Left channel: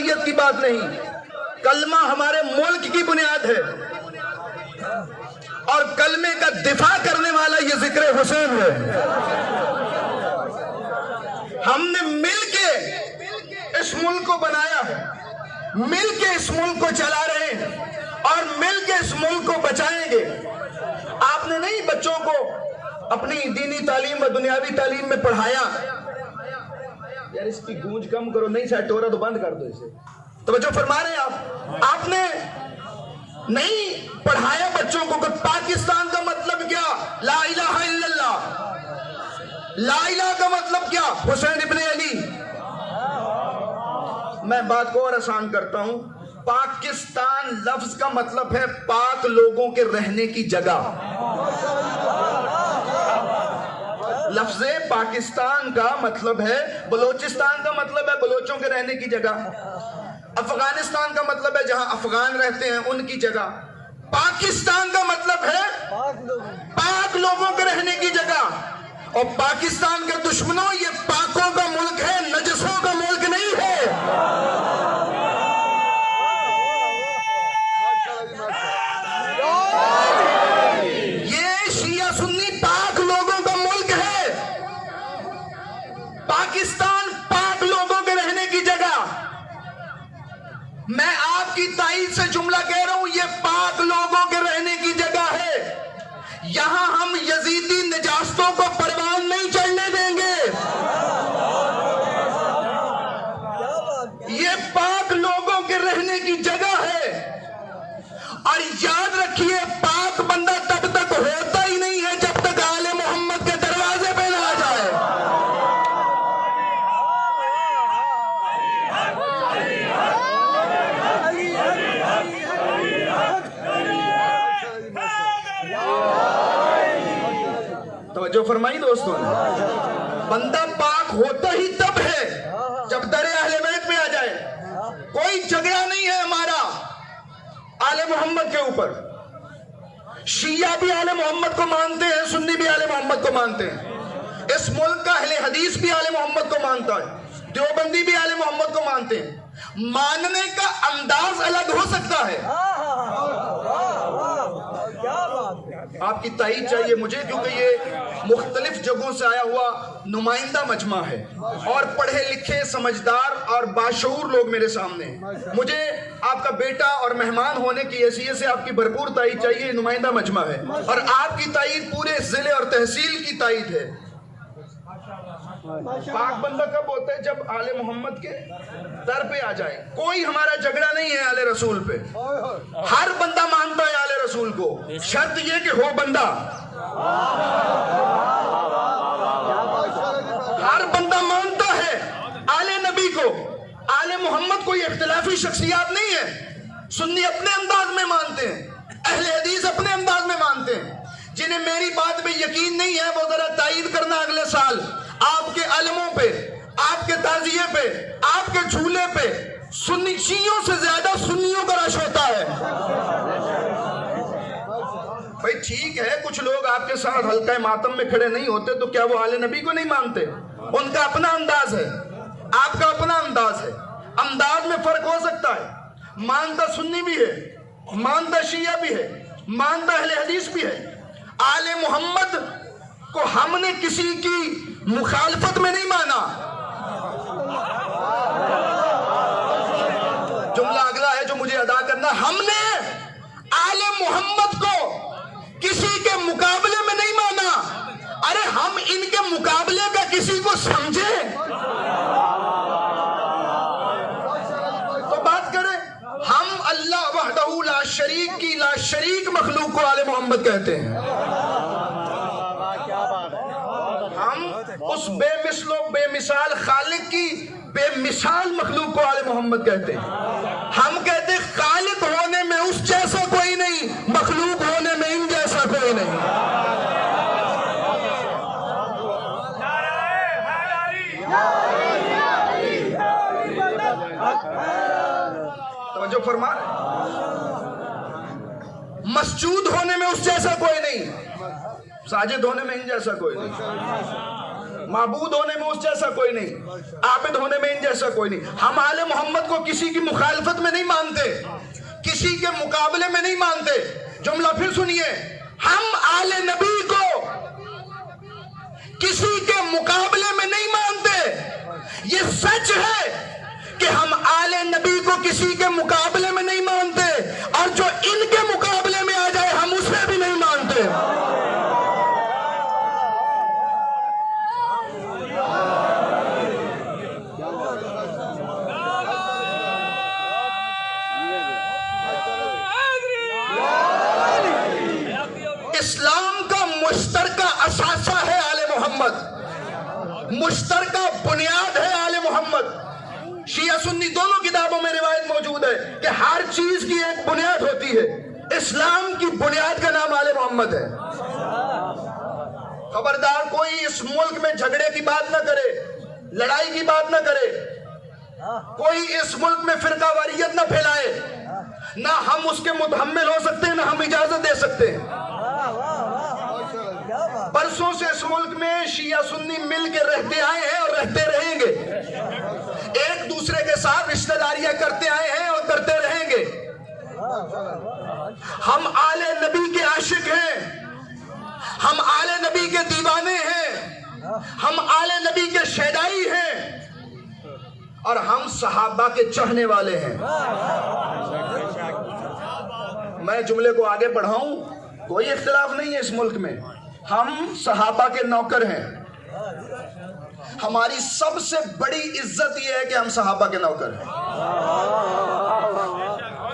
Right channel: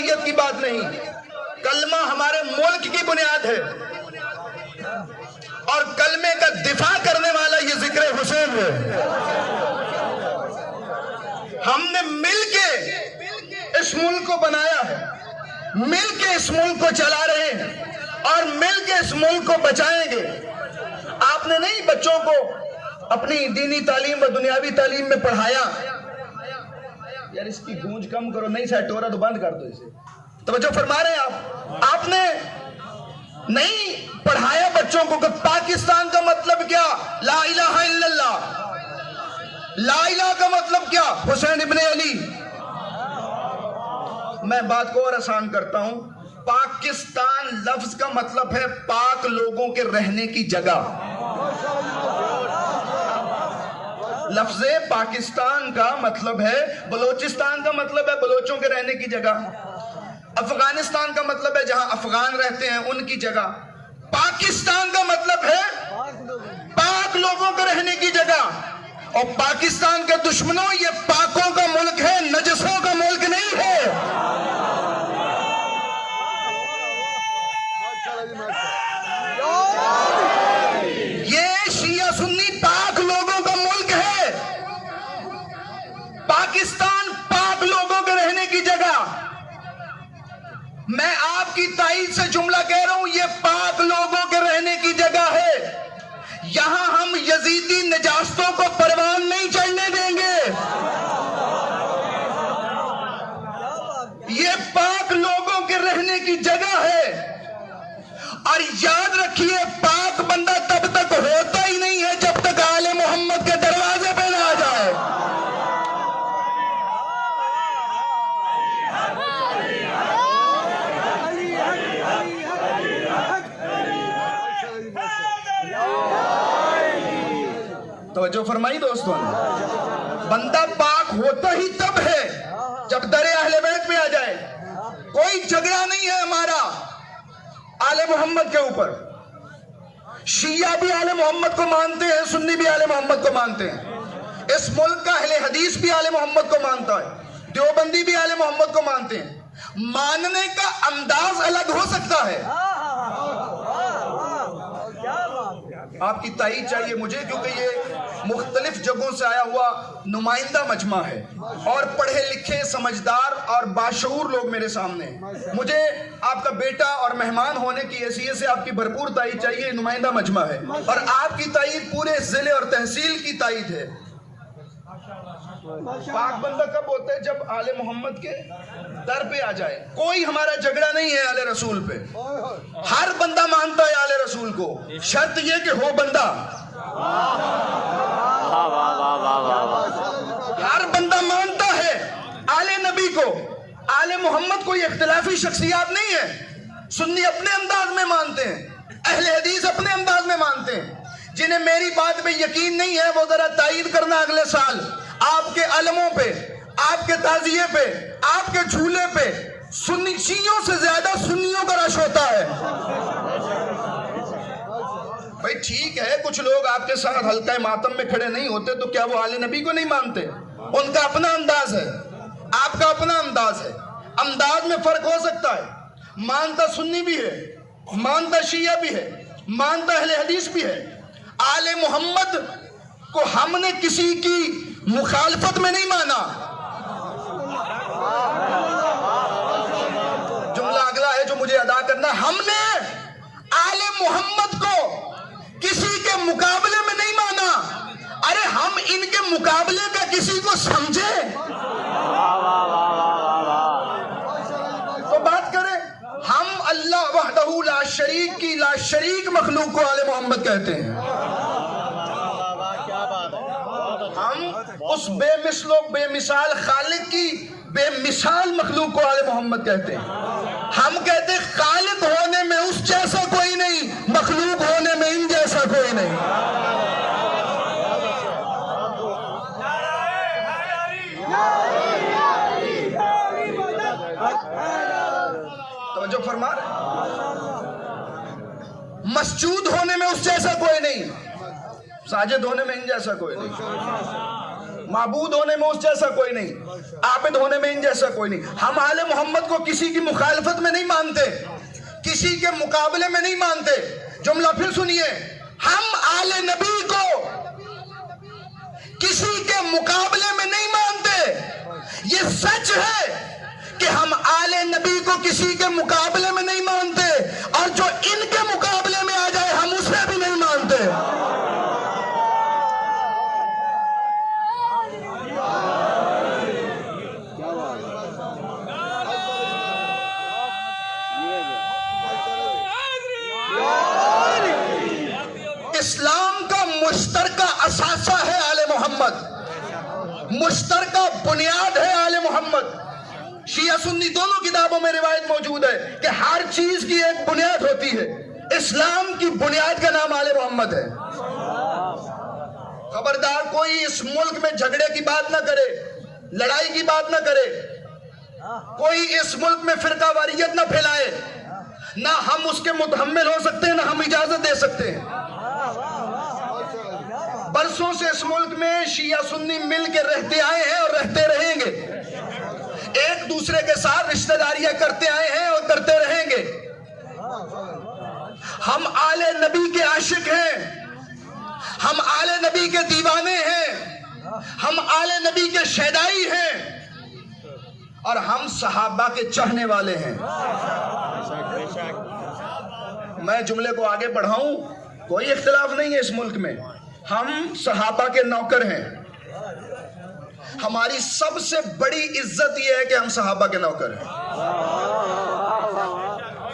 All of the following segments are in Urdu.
شریعت کی بات نہیں، کلمہ ہمارے ملک کی بنیاد ہے، اور کلمے کا دفاع کرنے والا یہ ذکر حسین ہے۔ ہم نے مل کے اس ملک کو بنایا ہے، مل کے اس ملک کو چلا رہے ہیں، اور مل کے اس ملک کو بچائیں گے۔ آپ نے نہیں بچوں کو اپنی دینی تعلیم و دنیاوی تعلیم میں پڑھایا؟ یار اس کی گونج کم کرو، نہیں سیٹ ہو رہا تو بند کر دو اسے۔ توجہ فرما رہے ہیں آپ نے نہیں پڑھایا بچوں کو کہ پاکستان کا مطلب کیا؟ لا الہ الا اللہ۔ لا الہ کا مطلب کیا؟ حسین ابن علی۔ میں بات کو اور آسان کرتا ہوں، پاکستان لفظ کا مطلب ہے پاک لوگوں کے رہنے کی جگہ۔ لفظ پاکستان کا مطلب ہے، بلوچستان کا مطلب ہے بلوچوں کے رہنے کی جگہ، افغانستان کا مطلب ہے جہاں افغان رہتے ہیں ان کی جگہ، پاکستان کا مطلب ہے پاک لوگوں کے رہنے کی جگہ۔ اور پاکستان کے دشمنوں، یہ پاکوں کا ملک ہے، نجسوں کا ملک نہیں ہے۔ یہ شیعہ سنی پاک لوگوں کا ملک ہے، پاکستان پاک لوگوں کے رہنے کی جگہ۔ میں آپ کی تائید سے جملہ کہہ رہا ہوں، یہ پاک لوگوں کے رہنے کی جگہ ہے۔ یہاں ہم یزیدی نجاستوں کو پروان نہیں چڑھنے دیں گے۔ یہ پاک لوگوں کے رہنے کی جگہ ہے، اور یاد رکھیے پاک بندہ تب تک ہوتا ہی نہیں ہے جب تک آل محمد کے دروازے پہ نہ آ جائے۔ توجہ فرمائی دوستوں، بندہ پاک ہوتا ہی تب ہے جب در اہل بیت میں آ جائے۔ کوئی جھگڑا نہیں ہے ہمارا آل محمد کے اوپر، شیعہ بھی آل محمد کو مانتے ہیں، سنی بھی آل محمد کو مانتے ہیں، اس ملک کا اہل حدیث بھی آل محمد کو مانتا ہے، دیوبندی بھی آل محمد کو مانتے ہیں۔ ماننے کا انداز الگ ہو سکتا ہے۔ آپ کی تائید چاہیے مجھے، کیونکہ یہ مختلف جگہوں سے آیا ہوا نمائندہ مجمع ہے، اور پڑھے لکھے سمجھدار اور باشعور لوگ میرے سامنے ہیں۔ مجھے آپ کا بیٹا اور مہمان ہونے کی حیثیت سے آپ کی بھرپور تائید چاہیے، نمائندہ مجمع ہے، اور آپ کی تائید پورے ضلع اور تحصیل کی تائید ہے۔ پاک بندہ کب ہوتا ہے؟ جب آل محمد کے در پہ آ جائے۔ کوئی ہمارا جھگڑا نہیں ہے آل رسول پہ، ہر بندہ مانتا ہے آل رسول کو، شرط یہ کہ ہو بندہ۔ ہر بندہ مانتا ہے آل نبی کو، آل محمد کوئی اختلافی شخصیات نہیں ہے۔ سنی اپنے انداز میں مانتے ہیں، اہل حدیث اپنے انداز میں مانتے ہیں۔ جنہیں میری بات پہ یقین نہیں ہے وہ ذرا تائید کرنا اگلے سال آپ کے علموں پہ، آپ کے تعزیے پہ، آپ کے جھولے پہ سنی شیعوں سے زیادہ سنیوں کا رش ہوتا ہے۔ بھائی ٹھیک ہے، کچھ لوگ آپ کے ساتھ حلقہ ماتم میں کھڑے نہیں ہوتے تو کیا وہ آل نبی کو نہیں مانتے؟ ان کا اپنا انداز ہے، آپ کا اپنا انداز ہے، انداز میں فرق ہو سکتا ہے۔ مانتا سنی بھی ہے، مانتا شیعہ بھی ہے، مانتا اہل حدیث بھی ہے۔ آل محمد کو ہم نے کسی کی مخالفت میں نہیں مانا۔ جملہ اگلا ہے جو مجھے ادا کرنا، ہم نے آل محمد کو کسی کے مقابلے میں نہیں مانا۔ ارے ہم ان کے مقابلے کا کسی کو سمجھے تو بات کریں۔ ہم اللہ وحدہ لا شریک کی لا شریک مخلوق کو آل محمد کہتے ہیں۔ ہم اس بے مثل و بے مثال خالق کی بے مثال مخلوق کو آل محمد کہتے ہیں۔ ہم کہتے ہیں خالق ہونے میں اس جیسا کوئی نہیں، مخلوق ہونے میں ان جیسا کوئی نہیں۔ توجہ فرما، مسجود ہونے میں اس جیسا کوئی نہیں، ساجد ہونے میں ان جیسا کوئی نہیں۔ معبود ہونے میں اس جیسا کوئی نہیں، عابد ہونے میں ان جیسا کوئی نہیں. ہم آل محمد کو کسی کی مخالفت میں نہیں مانتے، کسی کے مقابلے میں نہیں مانتے. جملہ پھر سنیے، ہم آل نبی کو کسی کے مقابلے میں نہیں مانتے. یہ سچ ہے کہ ہم آل نبی کو کسی کے مقابلے میں نہیں مانتے، اور جو ان کے مقابلے میں آ جائے ہم اسے بھی نہیں مانتے. اسلام کا مشترکہ اثاثہ ہے آل محمد، مشترکہ بنیاد ہے آل محمد. شیعہ سنی دونوں کتابوں میں روایت موجود ہے کہ ہر چیز کی ایک بنیاد ہوتی ہے. اسلام کی بنیاد کا نام آل محمد ہے. خبردار کوئی اس ملک میں جھگڑے کی بات نہ کرے، لڑائی کی بات نہ کرے، کوئی اس ملک میں فرقہ واریت نہ پھیلائے. نہ ہم اس کے متحمل ہو سکتے ہیں، نہ ہم اجازت دے سکتے ہیں. برسوں سے اس ملک میں شیعہ سنی مل کے رہتے آئے ہیں اور رہتے رہیں گے. ایک دوسرے کے ساتھ رشتہ داریاں کرتے آئے ہیں اور کرتے رہیں گے. ہم آل نبی کے عاشق ہیں، ہم آل نبی کے دیوانے ہیں، ہم آل نبی کے شیدائی ہیں، اور ہم صحابہ کے چاہنے والے ہیں. میں جملے کو آگے بڑھاؤں، کوئی اختلاف نہیں ہے اس ملک میں. ہم صحابہ کے نوکر ہیں. ہماری سب سے بڑی عزت یہ ہے کہ ہم صحابہ کے نوکر ہیں.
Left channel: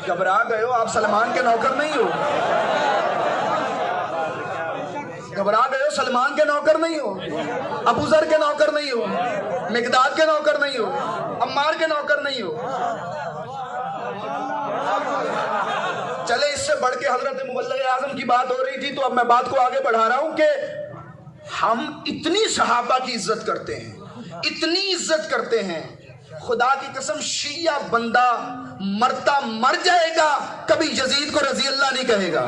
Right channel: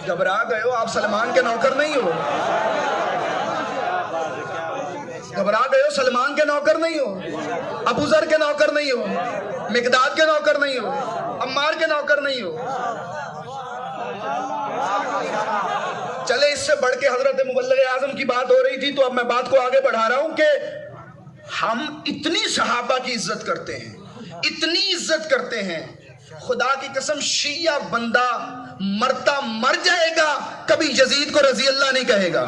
گھبرا گئے ہو؟ آپ سلمان کے نوکر نہیں ہو. گھبرا گئے ہو؟ سلمان کے نوکر نہیں ہو، ابو ذر کے نوکر نہیں ہو، مقداد کے نوکر نہیں ہو، عمار کے نوکر نہیں ہو. چلے اس سے بڑھ کے حضرت مبلغ اعظم کی بات ہو رہی تھی، تو اب میں بات کو آگے بڑھا رہا ہوں کہ ہم اتنی صحابہ کی عزت کرتے ہیں، اتنی عزت کرتے ہیں، خدا کی قسم شیعہ بندہ مرتا مر جائے گا، کبھی یزید کو رضی اللہ نہیں کہے گا.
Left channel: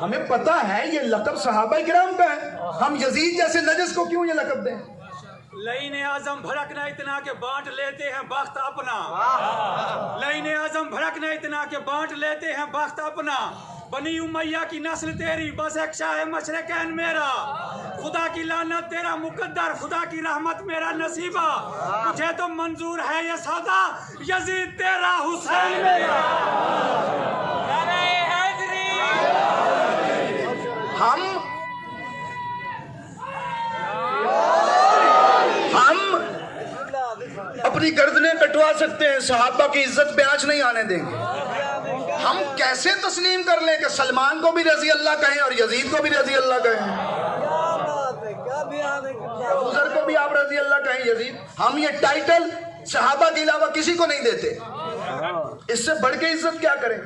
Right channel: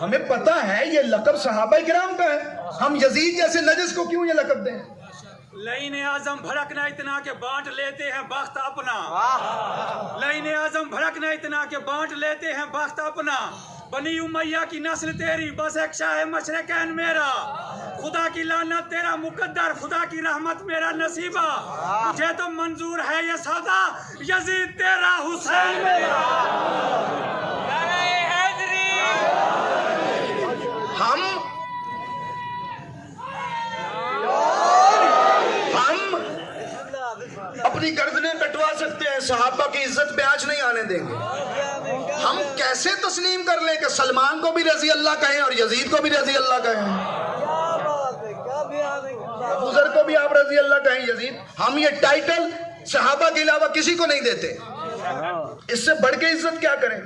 ہمیں پتا ہے یہ لقب صحابہ کرام کا ہے، ہم یزید جیسے نجس کو کیوں یہ لقب دیں؟ لعین اعظم بھڑکنا اتنا کہ بانٹ لیتے ہیں بخت اپنا. لعین اعظم بھڑکنا اتنا کہ بانٹ لیتے ہیں بخت اپنا. بنی امیہ کی نسل تیری، بس ایک شاہ مشرقین میرا. خدا کی لعنت تیرا مقدر، خدا کی رحمت میرا نصیبہ. مجھے تو منظور ہے یہ سودا، یزید تیرا حسین میرا. ہم اپنی گردنیں کٹوا سکتے ہیں، صحابہ کی عزت پہ آنچ نہیں آنے دیں گے. ہم کیسے تسلیم کر لیں کہ سلمان کو بھی رضی اللہ کہیں اور یزید کو بھی رضی اللہ کہیں، ابو ذر کو بھی آپ رضی اللہ کہیں، یزید. ہم یہ ٹائٹل صحابہ کے علاوہ کسی کو نہیں دیتے. اس سے بڑھ کے عزت کیا کریں؟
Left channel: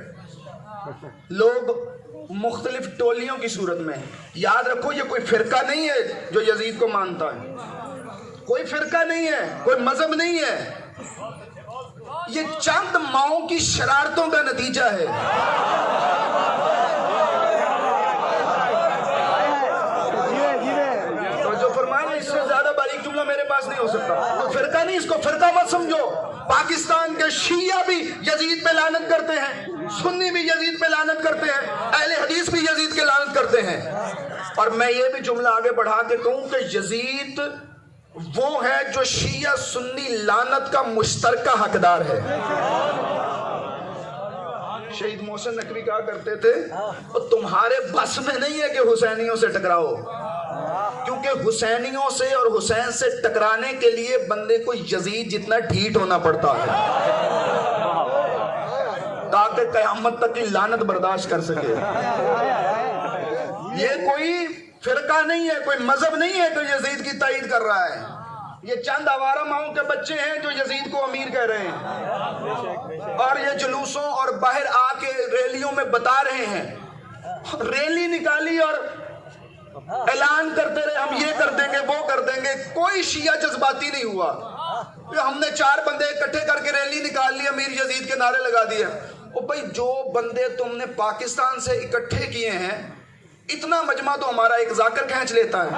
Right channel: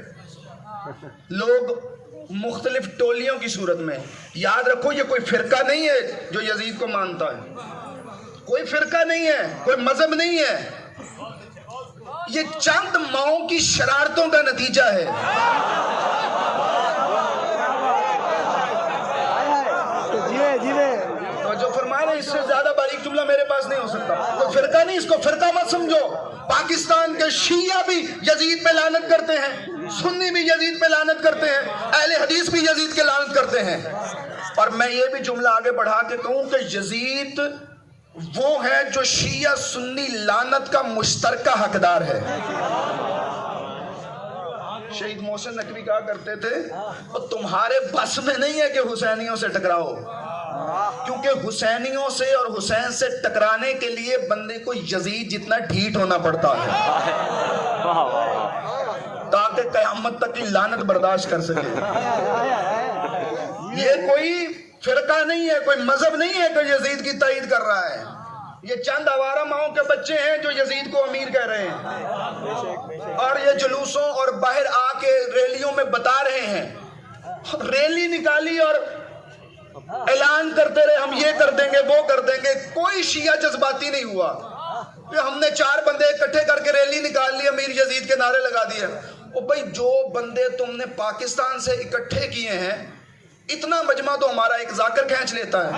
لوگ مختلف ٹولیوں کی صورت میں، یاد رکھو یہ کوئی فرقہ نہیں ہے جو یزید کو مانتا ہے، کوئی فرقہ نہیں ہے، کوئی مذہب نہیں ہے. یہ چند ماؤں کی شرارتوں کا نتیجہ ہے. تو جو فرمایا اس سے زیادہ باریک جملہ میرے پاس نہیں ہو سکتا. تو فرقہ نہیں، اس کو فرقہ مت سمجھو. پاکستان کے شیعہ بھی یزید پہ لعنت کرتے ہیں، سنی بھی یزید پہ لعنت کرتے ہیں، اہل حدیث بھی یزید کے لعنت کرتے ہیں. اور میں یہ بھی جملہ آگے بڑھا کے کہوں کہ یزید وہ ہے جو شیعہ سنی لعنت کا مشترکہ حقدار ہے. شہید محسن نقوی کہا کرتے تھے تمہارے بس میں نہیں ہے کہ حسینیوں سے ٹکراؤ، کیونکہ حسینیوں سے اور حسین سے ٹکرانے کے لیے بندے کو یزید جتنا ڈھیٹ ہونا پڑتا ہے تاکہ قیامت تک کی لعنت برداشت کر سکے. یہ کوئی فرقہ نہیں ہے، کوئی مذہب نہیں ہے کہ یزید کی تائید کر رہا ہے. یہ چند آوارہ ماؤں کے بچے ہیں جو یزید کو امیر کہہ رہے ہیں، اور یہ جلوسوں اور باہر آ کے ریلیوں میں بتا رہے ہیں. ریلی نکالی اور اعلان کرتے رہے ہم یہ کر دیں گے وہ کر دیں گے. کوئی شیعہ جذباتی نہیں ہوا. ہم نے 4 بندے اکٹھے کر کے ریلی نکال لی، امیر یزید کے نعرے لگا دیے. او بھائی جو بندے تم نے پاکستان سے اکٹھے کیے ہیں اتنا مجمع تو ہمارا ایک ذاکر کھینچ لیتا ہے.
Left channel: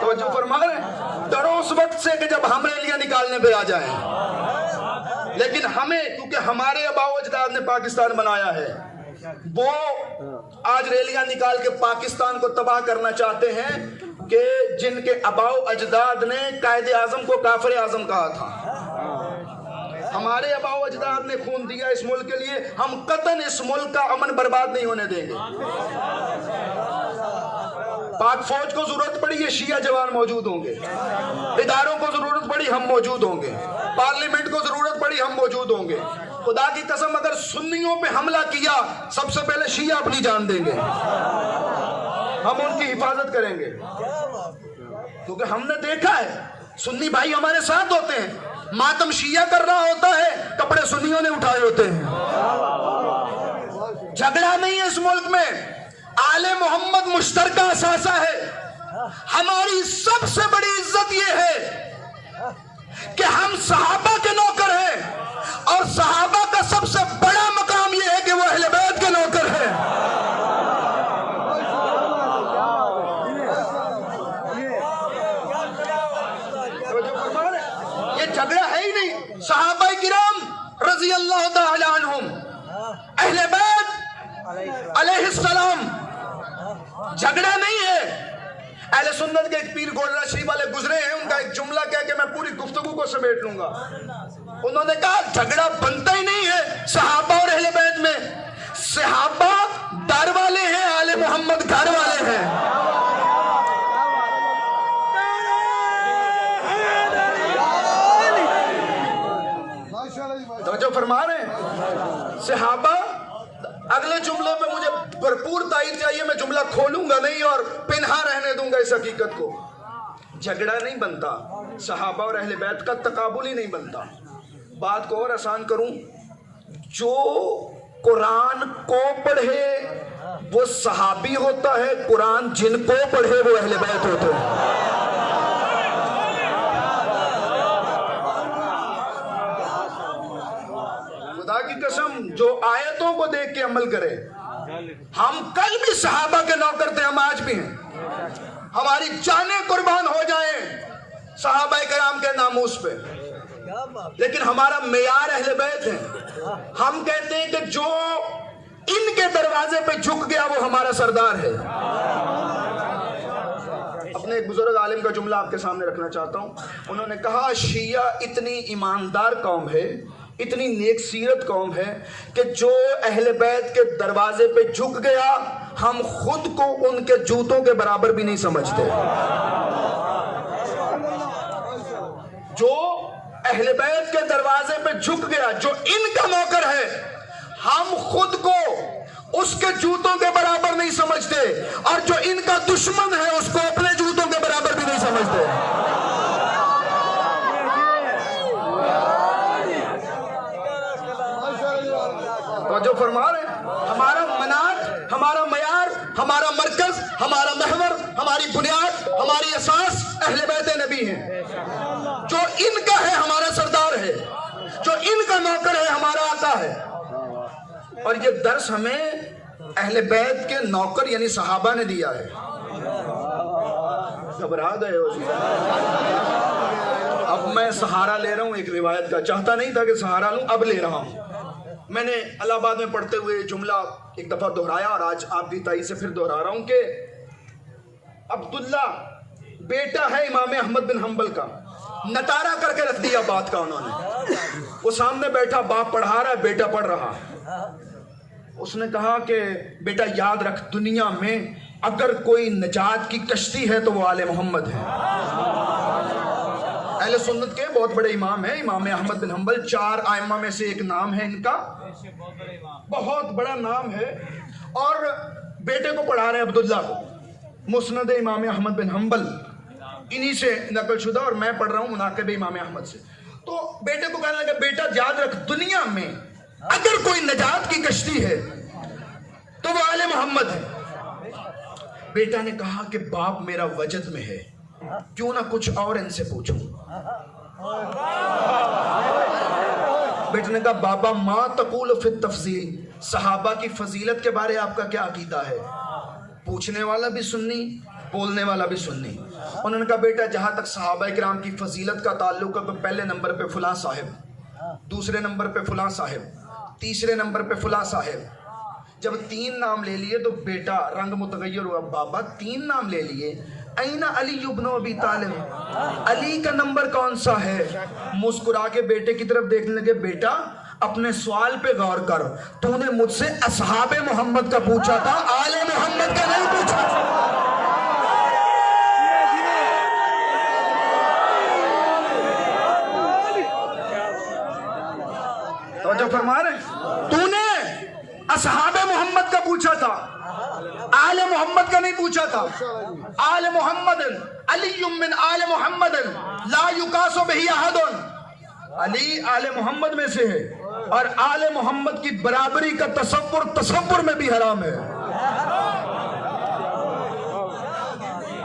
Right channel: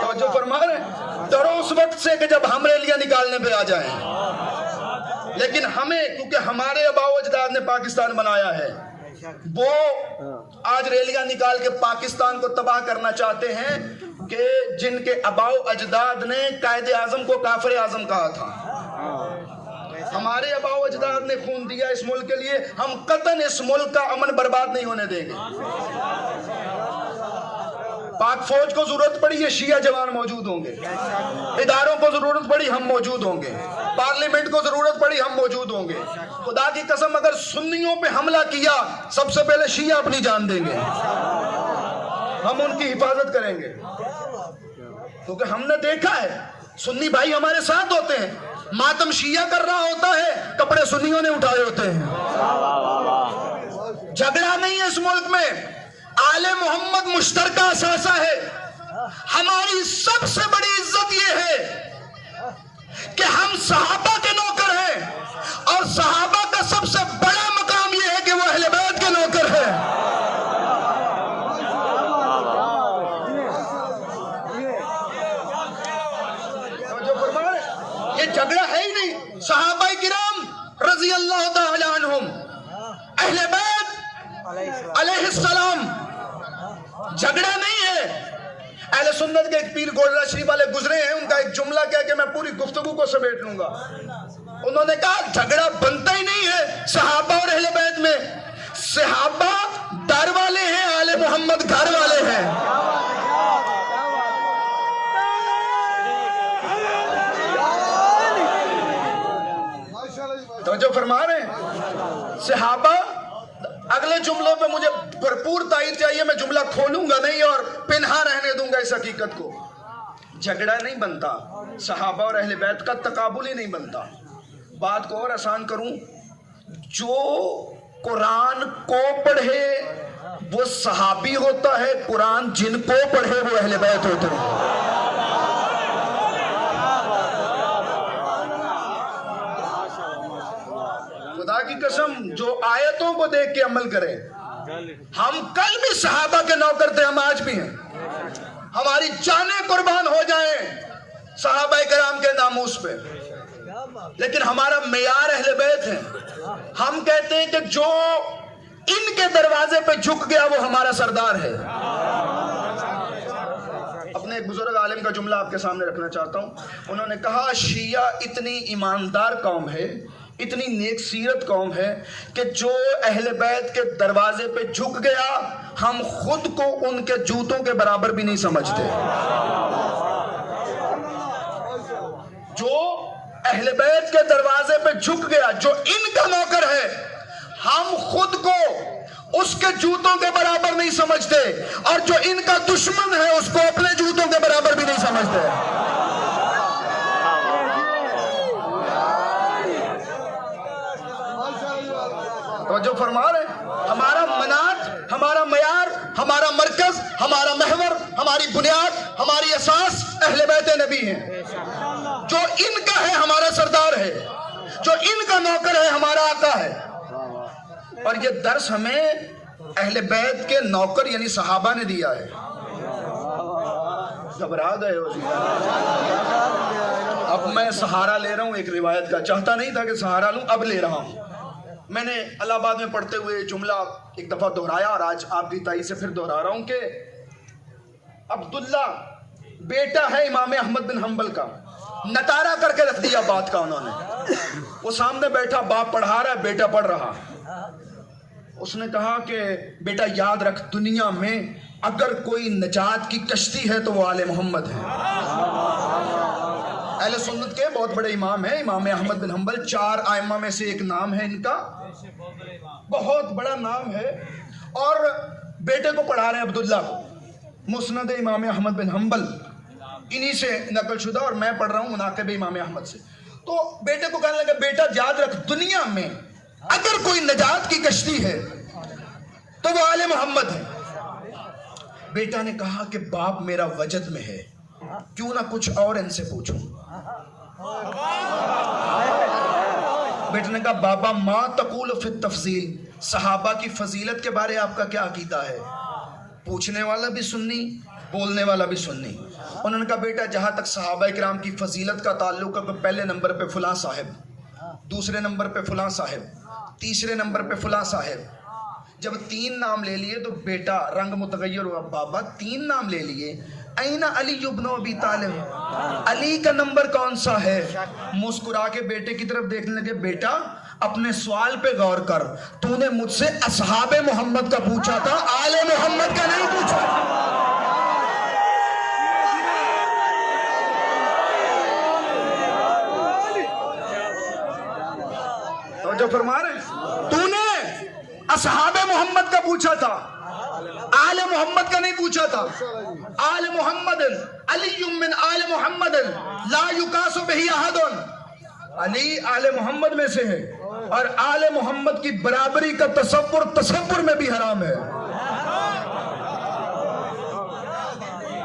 توجہ فرما رہے ہیں. ڈرو اس وقت سے کہ جب ہم ریلیاں نکالنے پہ آ جائیں. لیکن ہمیں کیونکہ ہمارے آباء و اجداد نے پاکستان بنایا ہے, وہ آج ریلیاں نکال کے پاکستان کو تباہ کرنا چاہتے ہیں کہ جن کے آباء و اجداد نے قائد اعظم کو کافر اعظم کہا تھا. ہمارے آباء و اجداد نے خون دیا اس ملک کے لیے, ہم قطعاً اس ملک کا امن برباد نہیں ہونے دیں گے. پاک فوج کو ضرورت پڑی یہ شیعہ جوان موجود ہوں گے, اداروں کو ضرورت پڑی ہم موجود ہوں گے, پارلیمنٹ کو ضرورت پڑی ہم موجود ہوں گے. خدا کی قسم اگر سنیوں پہ حملہ کیا سب سے پہلے شیعہ اپنی جان دیں گے, ہم ان کی حفاظت کریں گے. کیونکہ ہم نے دیکھا ہے سنی بھائی ہمارے ساتھ ہوتے ہیں, ماتم شیعہ کر رہا ہوتا ہے کپڑے سنیوں نے اٹھائے ہوتے ہیں. جھگڑا نہیں ہے اس ملک میں, آل محمد مشترکہ اثاثہ ہے. ہماری سب سے بڑی عزت یہ ہے کہ ہم صحابہ کے نوکر ہیں, اور صحابہ کا سب سے بڑا مقام یہ ہے کہ وہ اہل بیت کے نوکر ہیں. یہ جھگڑا ہے ہی نہیں. صحابہ کرام رضی اللہ تعالی عنہم, اہل بیت علیہ السلام, جھگڑا نہیں ہے. اہل سنت کے ایک پیر گولڈا شریف والے گزرے ہیں, ان کا ایک جملہ کہہ کے میں پوری گفتگو کو سمیٹ لوں گا. انہوں نے کہا جھگڑا بنتا ہی نہیں ہے صحابہ اور اہل بیت میں. صحابہ در والے ہیں, آل محمد گھر والے ہیں. توجہ فرما رہے ہیں. صحابہ, اگلے جملوں پہ مجھے بھرپور تائید چاہیے, میں جملہ کھولوں گا نہیں اور پنہا رہنے دوں گا اس حقیقت کو. جھگڑا نہیں بنتا, صحابہ اور اہل بیت کا تقابل ہی نہیں بنتا. بات کو اور آسان کروں, جو قرآن کو پڑھے وہ صحابی ہوتا ہے, قرآن جن کو پڑھے وہ اہل بیت ہوتے ہیں. خدا کی قسم جو آیتوں کو دیکھ کے عمل کرے. ہم کل بھی صحابہ کے نوکر تھے, ہم آج بھی ہیں. ہماری جانیں قربان ہو جائیں صحابہ کرام کے ناموس پہ, لیکن ہمارا معیار اہل بیت ہے. ہم کہتے ہیں کہ جو ان کے دروازے پہ جھک گیا وہ ہمارا سردار ہے. اپنے ایک بزرگ عالم کا جملہ آپ کے سامنے رکھنا چاہتا ہوں. انہوں نے کہا شیعہ اتنی ایماندار قوم ہے, اتنی نیک سیرت قوم ہے کہ جو اہل بیت کے دروازے پہ جھک گیا ہم خود کو ان کے جوتوں کے برابر بھی نہیں سمجھتے. جو اہل بیت کے دروازے پہ جھک گیا, جو ان کا نوکر ہے, ہم خود کو اس کے جوتوں کے برابر نہیں سمجھتے, اور جو ان کا دشمن ہے اس کو اپنے جوتوں کے برابر بھی نہیں سمجھتے. جو فرما رہے ہیں ہمارا مناٹ, ہمارا معیار, ہمارا مرکز, ہمارا محور, ہماری بنیاد, ہماری اساس اہل بیت نبی ہیں. جو ان کا ہے ہمارا سردار ہے, جو ان کا نوکر ہے ہمارا آقا ہے. اور یہ درس ہمیں اہل بیت کے نوکر یعنی صحابہ نے دیا ہے. گھبرا گئے ہو جی. اب میں سہارا لے رہا ہوں ایک روایت کا, چاہتا نہیں تھا کہ سہارا لوں, اب لے رہا ہوں. میں نے الہ آباد میں پڑھتے ہوئے جملہ ایک دفعہ دہرایا اور آج آپ کی تائید سے پھر دہرا رہا ہوں کہ عبداللہ بیٹا ہے امام احمد بن حنبل کا, نٹارا کر کے رکھ دیا بات کا انہوں نے. وہ سامنے بیٹھا, باپ پڑھا رہا ہے, بیٹا پڑھ رہا. اس نے کہا کہ بیٹا یاد رکھ, دنیا میں اگر کوئی نجات کی کشتی ہے تو وہ آل محمد ہے. اہل سنت کے بہت بڑے امام ہیں امام احمد بن حنبل, 4 ائمہ میں سے ایک نام ہے ان کا, بہت بڑا نام ہے. اور بیٹے کو پڑھا رہے ہیں عبداللہ کو مسند امام احمد بن حنبل, انہی سے نقل شدہ, اور میں پڑھ رہا ہوں مناقب امام احمد سے. تو بیٹے کو کہنے لگا بیٹا یاد رکھ, دنیا میں اگر کوئی نجات کی کشتی ہے تو وہ آل محمد ہے. بیٹا نے کہا کہ باپ میرا وجد میں ہے, کیوں نہ کچھ اور ان سے پوچھوں. بیٹے نے کہا بابا ما تقول فی التفضیل، صحابہ کی فضیلت کے بارے آپ کا کیا عقیدہ ہے؟ پوچھنے والا بھی سنی، بولنے والا بھی سنی۔ انہوں نے کہا بیٹا جہاں تک صحابہ کرام کی فضیلت کا تعلق ہے تو پہلے نمبر پہ فلاں صاحب، دوسرے نمبر پہ فلاں صاحب، تیسرے نمبر پہ فلاں صاحب۔ جب 3 نام لے لیے تو بیٹا رنگ متغیر ہوا، بابا 3 نام لے لیے، این علی ابن ابی طالب، علی کا نمبر کون سا ہے؟ مسکرا کے بیٹے کی طرف دیکھنے لگے، بیٹا اپنے سوال پہ غور کر، تو نے مجھ سے اصحاب محمد کا پوچھا تھا، آل محمد کا نہیں پوچھا۔ توجہ فرما رہے، تو نے اصحاب محمد کا پوچھا تھا، آل محمد کا نہیں پوچھا تھا۔ آل محمد علی من آل محمد لا یقاس بہ احد، علی آل محمد میں سے ہے اور آل محمد کی برابری کا تصور میں بھی حرام ہے۔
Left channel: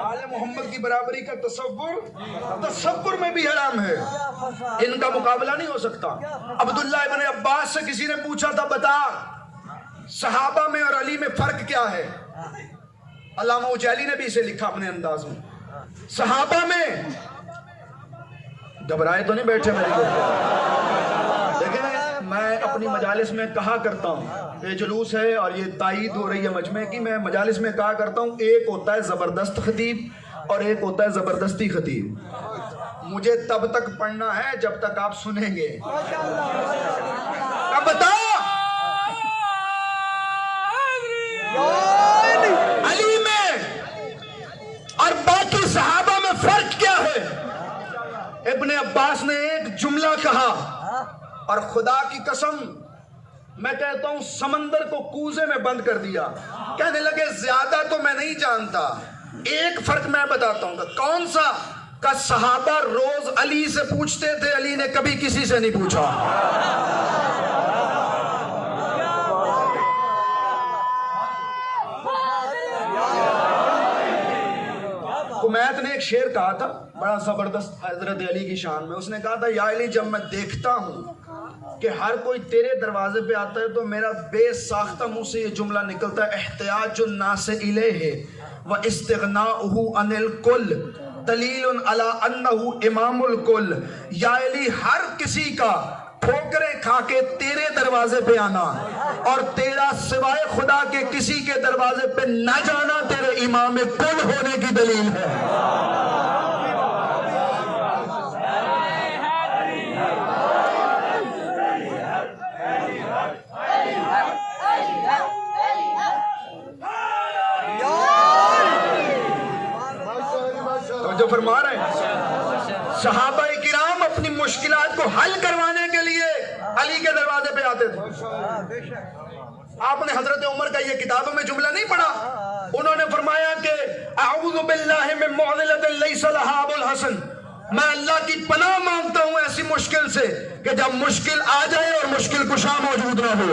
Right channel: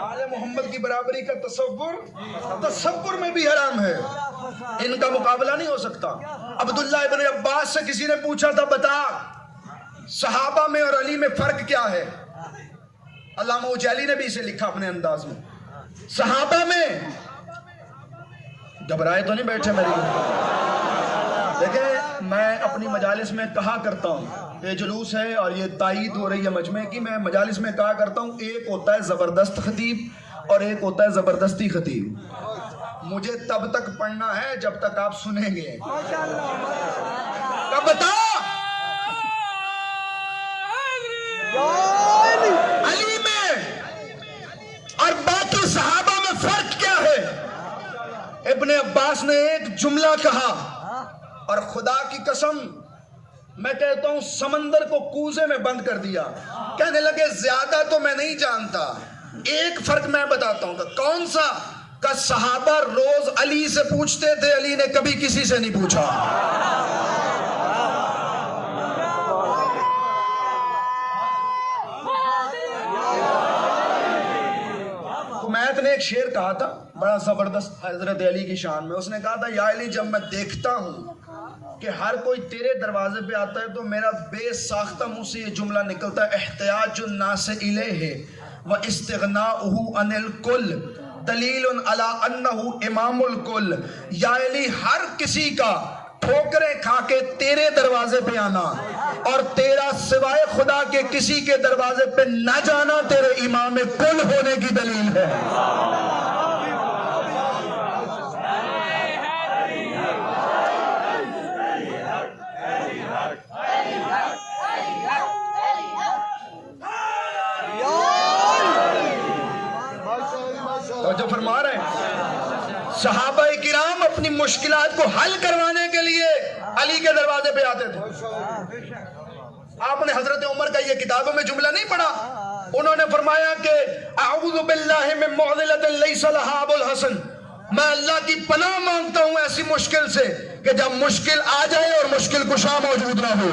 آل محمد کی برابری کا تصور میں بھی حرام ہے، ان کا مقابلہ نہیں ہو سکتا۔ عبداللہ ابن عباس سے کسی نے پوچھا تھا بتا صحابہ میں اور علی میں فرق کیا ہے؟ علامہ اجالی نے بھی اسے لکھا اپنے انداز میں، صحابہ میں، گھبرائے تو نہیں بیٹھے میرے لوگ؟ دیکھیں میں اپنی مجالس میں کہا کرتا ہوں، یہ جلوس ہے اور یہ تائید ہو رہی ہے مجمع کی، میں مجالس میں کہا کرتا ہوں ایک ہوتا ہے زبردست خطیب اور ایک ہوتا ہے زبردستی خطیب۔ مجھے تب تک پڑھنا ہے جب تک آپ سنیں گے۔ اب بتا علی میں اور باقی صحابہ میں فرق کیا ہے؟ ابن عباس نے ایک جملہ کہا اور خدا کی قسم میں کہتا ہوں سمندر کو کوزے میں بند کر دیا۔ کہنے لگے زیادہ تو میں نہیں جانتا، ایک فرق میں بتاتا ہوں۔ کون سا؟ کہ صحابہ روز علی سے پوچھتے تھے، علی نے کبھی کسی سے نہیں پوچھا۔ کمیت نے ایک شعر کہا تھا بڑا زبردست حضرت علی کی شان میں، اس نے کہا تھا یا علی جب میں دیکھتا ہوں کہ ہر کوئی تیرے دروازے پہ آتا ہے تو میرا بے ساختہ منہ سے یہ جملہ نکلتا ہے احتیاج الناس الیہ واستغناؤہ عن الکل دلیل علی انہ امام الکل۔ یا علی ہر کسی کا ٹھوکریں کھا کے تیرے دروازے پہ آنا اور تیرا سوائے خدا کے کسی کے دروازے پہ نہ جانا تیرے امام کل ہونے کی دلیل ہے۔ جو فرما رہے ہیں صحابہ کرام اپنی مشکلات کو حل کروانے کے لیے علی کے دروازے پہ آتے تھے۔ آپ نے حضرت عمر کا یہ کتابوں میں جملہ نہیں پڑھا؟ انہوں نے فرمایا کہ اعوذ باللہ من معضلۃ لیس لہا ابو الحسن، میں اللہ کی پناہ مانگتا ہوں ایسی مشکل سے کہ جب مشکل آ جائے اور مشکل کشا موجود نہ ہو۔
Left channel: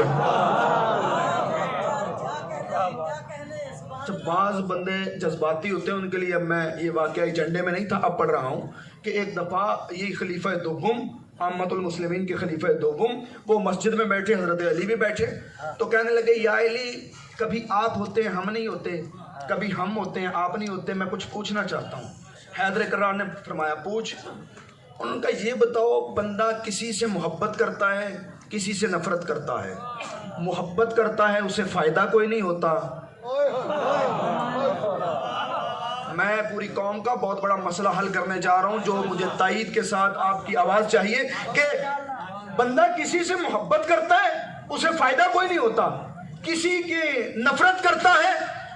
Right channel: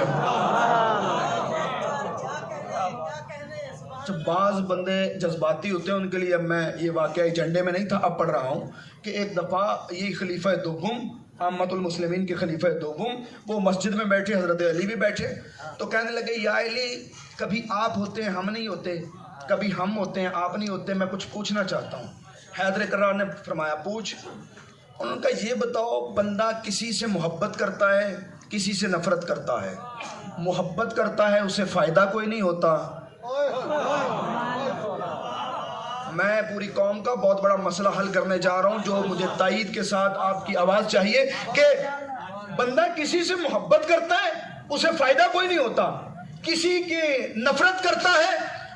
جب بعض بندے جذباتی ہوتے ہیں ان کے لیے، اب میں یہ واقعہ ایجنڈے میں نہیں تھا اب پڑھ رہا ہوں کہ ایک دفعہ یہ خلیفہ دوم عامۃ المسلمین کے خلیفہ دوم وہ مسجد میں بیٹھے، حضرت علی بھی بیٹھے، تو کہنے لگے یا علی کبھی آپ ہوتے ہیں ہم نہیں ہوتے، کبھی ہم ہوتے ہیں آپ نہیں ہوتے، میں کچھ پوچھنا چاہتا ہوں۔ حیدر کرار نے فرمایا پوچھ۔ انہوں نے کہا یہ بتاؤ بندہ کسی سے محبت کرتا ہے کسی سے نفرت کرتا ہے؟ محبت کرتا ہے اسے فائدہ کوئی نہیں ہوتا۔ میں پوری قوم کا بہت بڑا مسئلہ حل کرنے جا رہا ہوں جو مجھے تائید کے ساتھ آپ کی آواز چاہیے کہ بندہ کسی سے محبت کرتا ہے اسے فائدہ کوئی نہیں ہوتا، کسی کی نفرت کرتا ہے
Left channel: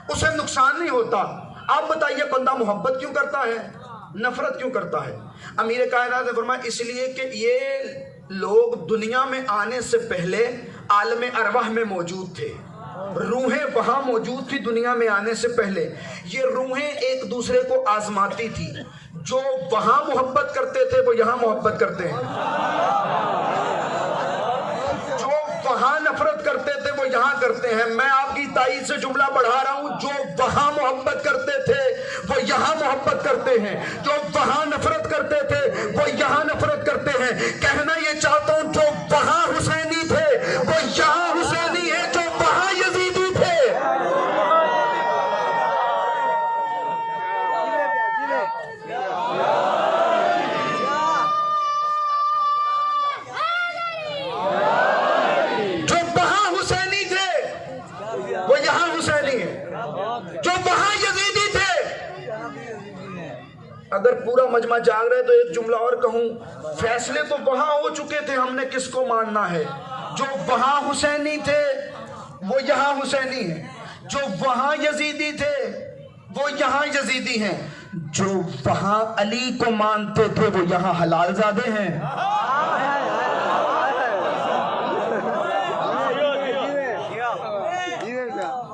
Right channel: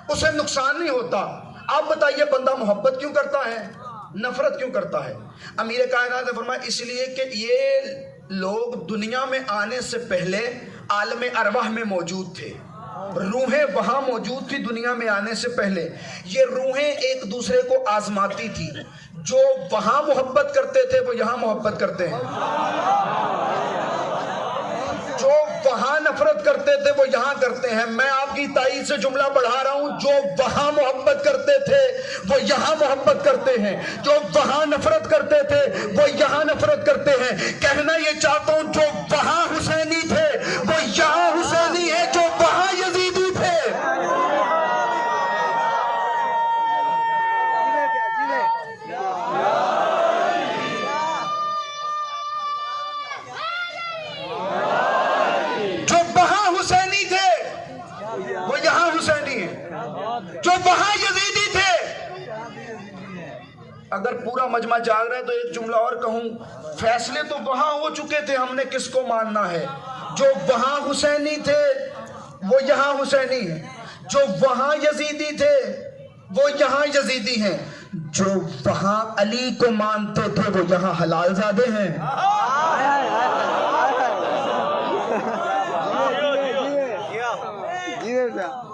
اسے نقصان نہیں ہوتا۔ آپ بتائیے بندہ محبت کیوں کرتا ہے، نفرت کیوں کرتا ہے؟ امیر کائنات نے فرمایا اس لیے کہ یہ لوگ دنیا میں آنے سے پہلے عالم ارواح میں موجود تھے، روحیں وہاں موجود تھی دنیا میں آنے سے پہلے۔ یہ روحیں ایک دوسرے کو آزماتی تھی، جو وہاں محبت کرتے تھے وہ یہاں محبت کرتے ہیں، جو وہاں نفرت کرتے تھے وہ یہاں کرتے ہیں۔ میں آپ کی تائید سے جملہ پڑھا رہا ہوں، جو وہاں محبت کرتے تھے وہ یہاں محبت کرتے ہیں، جو وہاں نفرت کرتے تھے وہ یہاں نفرت کرتے ہیں۔ کہنا یہ چاہتا ہوں جو وہاں حسینی تھے وہ یہاں حسینی ہے، جو وہاں یزیدی تھے۔ جو وہاں حسینی تھے وہ یہاں حسینی ہے، جو وہاں یزیدی تھے۔ اگر پورا مجمع جاگ رہے تو ایک جملہ اور کہوں، فیصلے تو وہاں ہو چکے تھے، ہم نے کس کو ماننا ہے۔ جو وہاں حسینی تھے وہ یہاں حسینی ہیں، جو وہاں یزیدی تھے وہ یہاں یزیدی ہیں، جو وہاں علی کو مانتے تھے وہ یہاں حلال زادے ہیں۔